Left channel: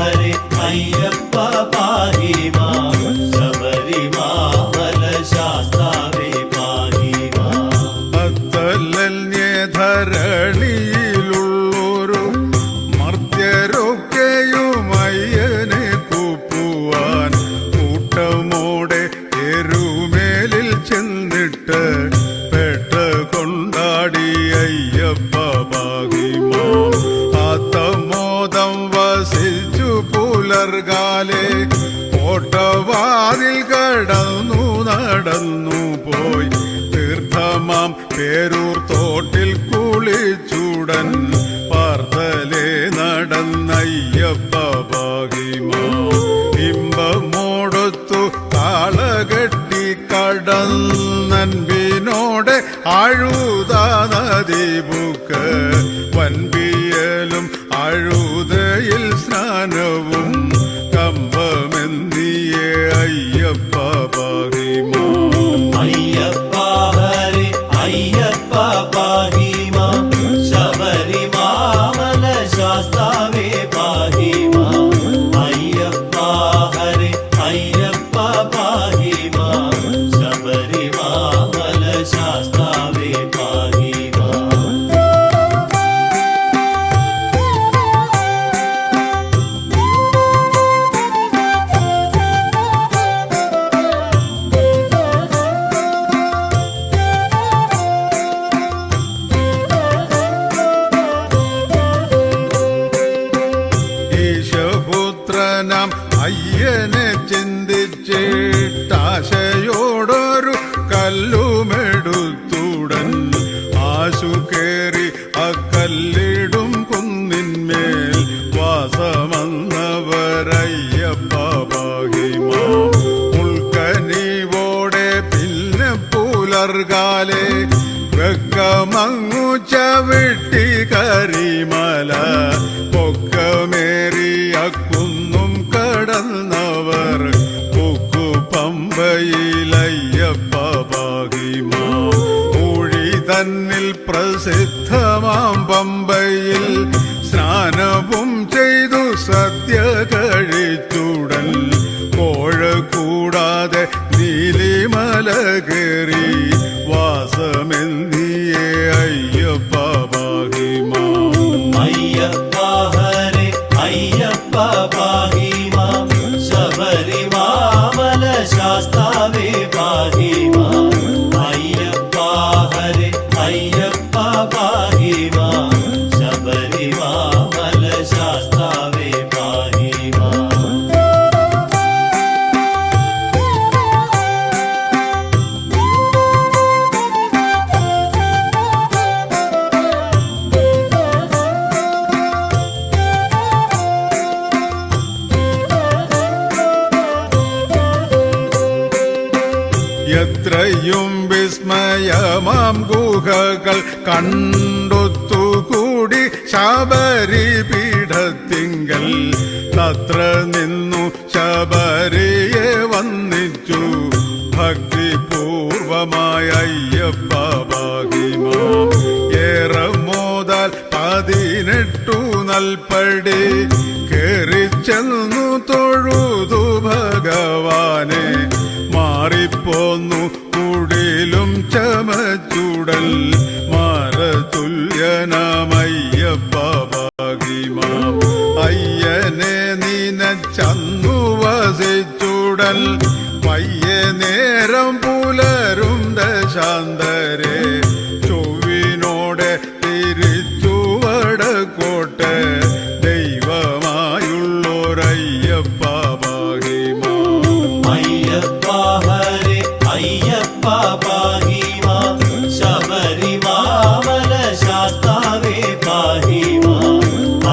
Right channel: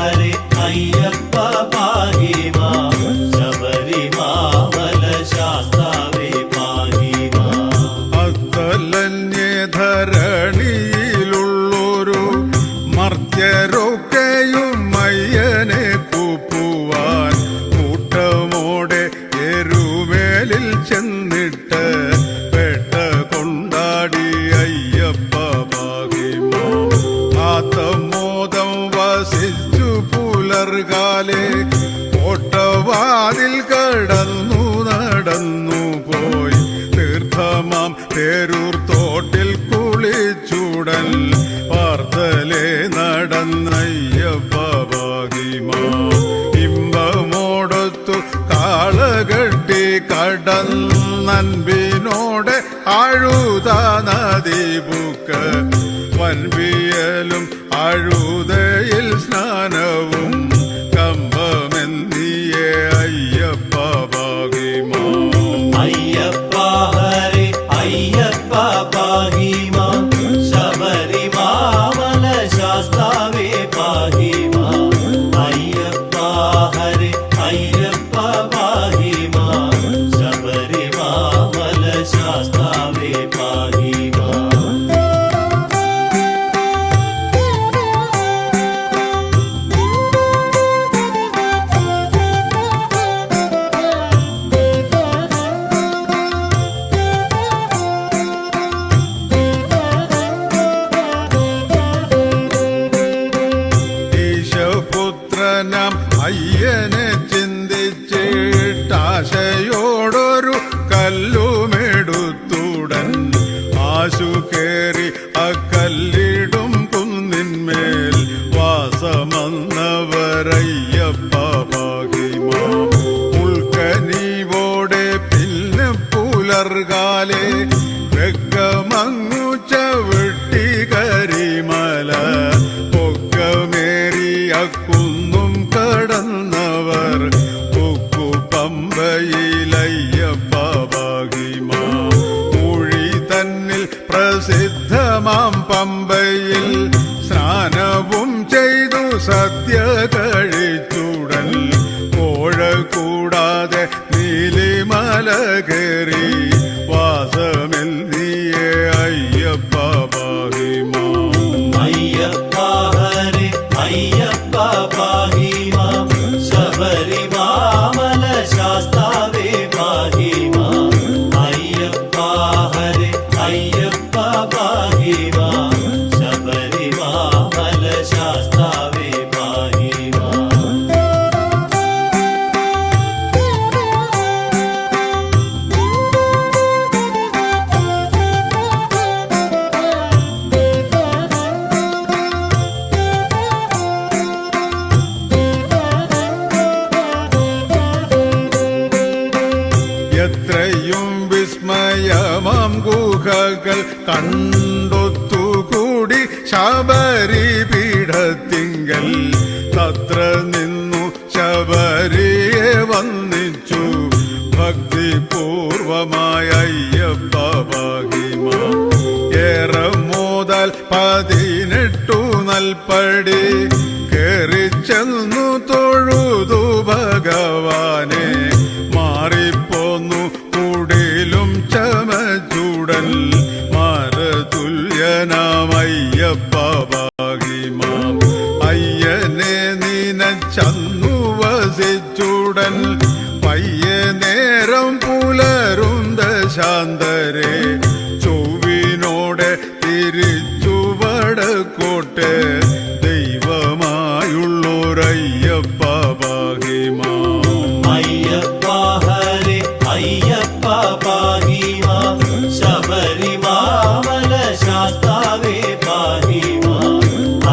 ഹരേ അയ്യപ്പ പാഹി മാം ശബരിമാമല ശാസ്താവേ പാഹി മാം. അത്തലന്യധരണിയിലുള്ളൊരു മർത്യരൊക്കെയും അയ്യനെ കൂപ്പുവാൻ കൂട്ടമോടെ എരുവേലിൽ ചെന്നിട്ട് പേട്ട കൊണ്ടാടി അയ്യപ്പ പാഹി മാം. ആത്തമോദം വസിച്ചു പുലർകാലേ കോട്ടവാറിൽ കടന്നു നടന്നു പോയി തീർത്ഥമാം പേരുത്തോട്ടിൽ കുളിച്ചുടൻ പാർത്തലേ നടന്നയ്യപ്പ പാഹി മാം. ഇമ്പമോടൊത്തു കാളകെട്ടി കടന്നൻപിനോടെ അഴുതാ നദീബുക്ക് വൻപിയലും അഴുതയിൽ സ്നാനവും കമ്പമെന്തിയേ അയ്യപ്പ പാഹി മാം. അയ്യപ്പ ഹരേ അയ്യപ്പ പാഹി മാം ശബരിമാമല ശാസ്താവേ പാഹി മാം. അയ്യപ്പ ഹരേ അയ്യപ്പ പാഹി മാം ശബരിമാമല ശാസ്താവേ പാഹി മാം. ഈശപുത്രനാം അയ്യനെ ചിന്തിച്ചിട്ടാശയോടൊരു കല്ലുമെടുത്തുടൻ ആശു കേറി അക്കല്ലിടും കുന്നിന്മേൽ വാസമന്നവരയ്യപ്പ പാഹി മാം. ഉൾക്കനിവോടെ പിന്നെ പുലർകാലേ ഗഗമങ്ങു ചവിട്ടി കരിമല പൊക്കമേറിയ കുന്നും കടന്നവർ കൊക്കു പമ്പയിലയ്യപ്പ പാഹി മാം. മൊഴി തന്നിൽ പ്രസിദ്ധമാം പമ്പയിൽ സ്നാനവും ചെയ്തു സദ്യ കഴിച്ചുടൻ കോഴ കൂടാതെ നീലിമല കയറി വാസമെന്തിയേ അയ്യപ്പ പാഹി മാം. അയ്യപ്പ ഹരേ അയ്യപ്പ പാഹി മാം ശബരിമാമല ശാസ്താവേ പാഹി മാം. അയ്യപ്പ ഹരേ അയ്യപ്പ പാഹി മാം ശബരിമാമല ശാസ്താവേ പാഹി മാം. എത്രയും വിസ്മയമാം ഗുഹകൾ കണ്ടൊത്തുകൂടി ശബരി പീഠത്തിങ്കൽ തത്ര നിന്നു ശബരിയെ വന്ദിച്ചു ഭക്തിപൂർവമായ അയ്യപ്പ പാഹി മാം. ഏറെ മോദാൽ 18 നൽപടി കേറി ചെന്നു തൊഴുതു ഭഗവാനെ മാറിപ്പോന്നു കുടിലും ചമച്ചുടൽ മാരതുല്യനാമയ്യപ്പ പാഹി മാം. അയ്യനെ നിനച്ചന്നു വസിച്ചുടൽ പയ്യെ നേരം പുലരും ദശാന്തരെ ചൊവ്വിനോടെ തിരിച്ചു വടക്കോട്ടെ ദൈവമായുള്ളോരയ്യപ്പ പാഹി മാം. അയ്യപ്പ ഹരേ അയ്യപ്പ പാഹി മാം ശബരിമാമല ശാസ്താവേ പാഹി മാം.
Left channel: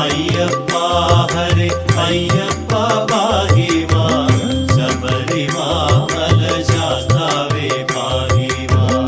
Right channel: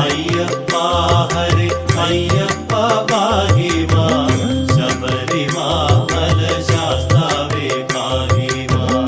അയ്യപ്പ ഹരേ അയ്യപ്പ പാഹി മാം ശബരിമാമല ശാസ്താവേ പാഹി മാം.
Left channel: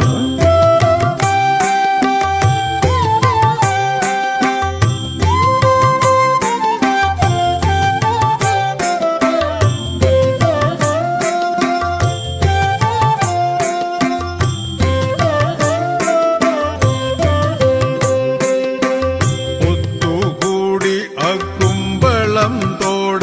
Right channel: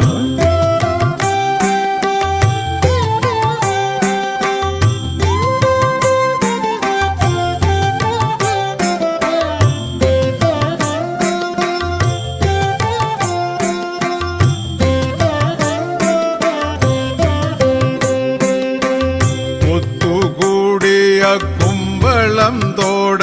കുമ്പളം തോട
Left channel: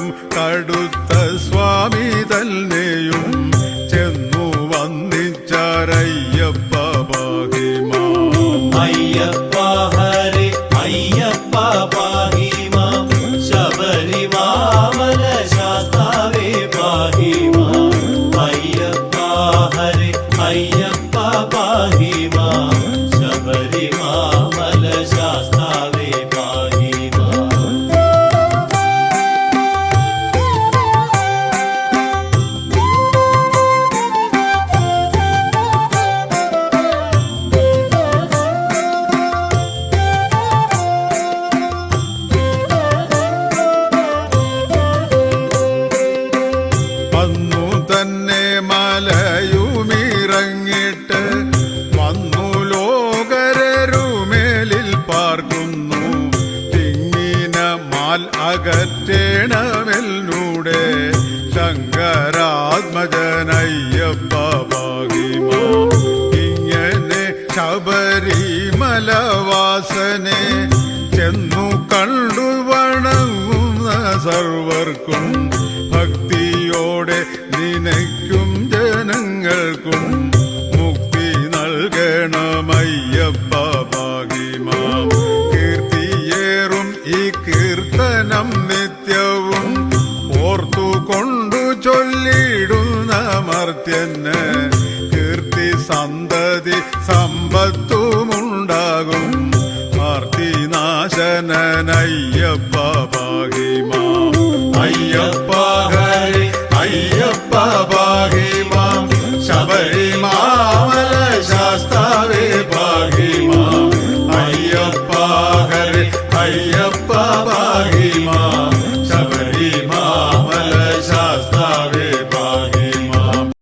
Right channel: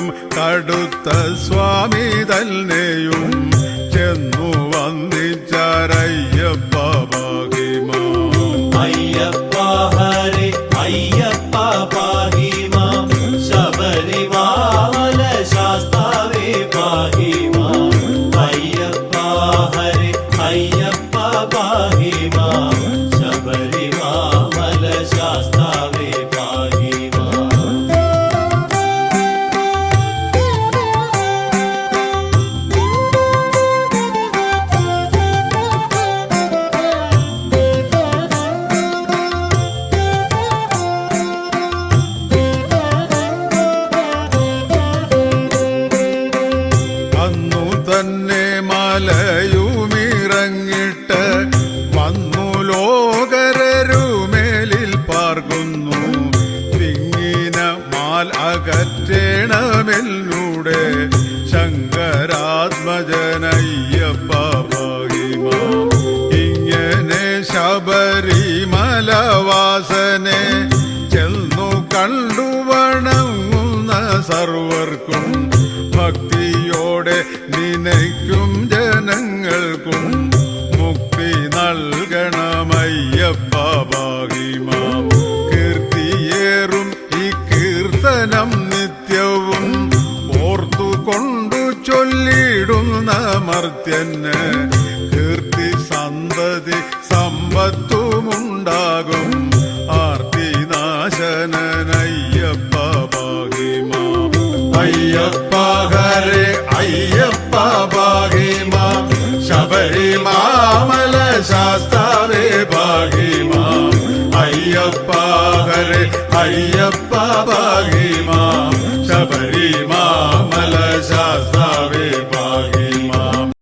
ദൂരം കടുത്ത സ്വാമി തന്നെയും ചെന്നു വന്നിച്ചാരയ്യപ്പ ഭാഗ്യമാ. അയ്യപ്പ ഹരേ അയ്യപ്പ പാഹി മാം ശബരിമല ശാസ്താവേ പാഹി മാം. അയ്യപ്പ ഹരേ അയ്യപ്പ പാഹി മാം ശബരിമല ശാസ്താവേ പാഹി മാം. വന്നു തന്നെ മലയുമിറങ്ങിട്ട് വന്നു ലോകരരുമേലിൽ പാർക്കുന്നു. തിങ്ങിന മാൽ അകറ്റേണമെന്നൂടെ ശങ്കരാത്മജനയ്യപ്പ ഭാഗ്യമാ. ഇങ്ങനെ ശബരിമലവാസനെ ചെന്നു കണ്ടു വണങ്ങുന്ന സർവർക്കും ഭക്തിയോടെ നിനയ്ക്കും ജനങ്ങൾക്കും മുക്തി നൽകണമയ്യപ്പ ഭാഗ്യമാ. കീർത്തിയേറും ഈ കീർത്തനം നിത്യവും ഓർത്തുകൊണ്ടു ചൊല്ലിടുന്ന മർത്യന് കീർത്തി സന്തതി സമ്പത്തുമുണ്ടാകും. ആർത്തിനാശനയ്യപ്പ ഭാഗ്യമാ. അയ്യപ്പ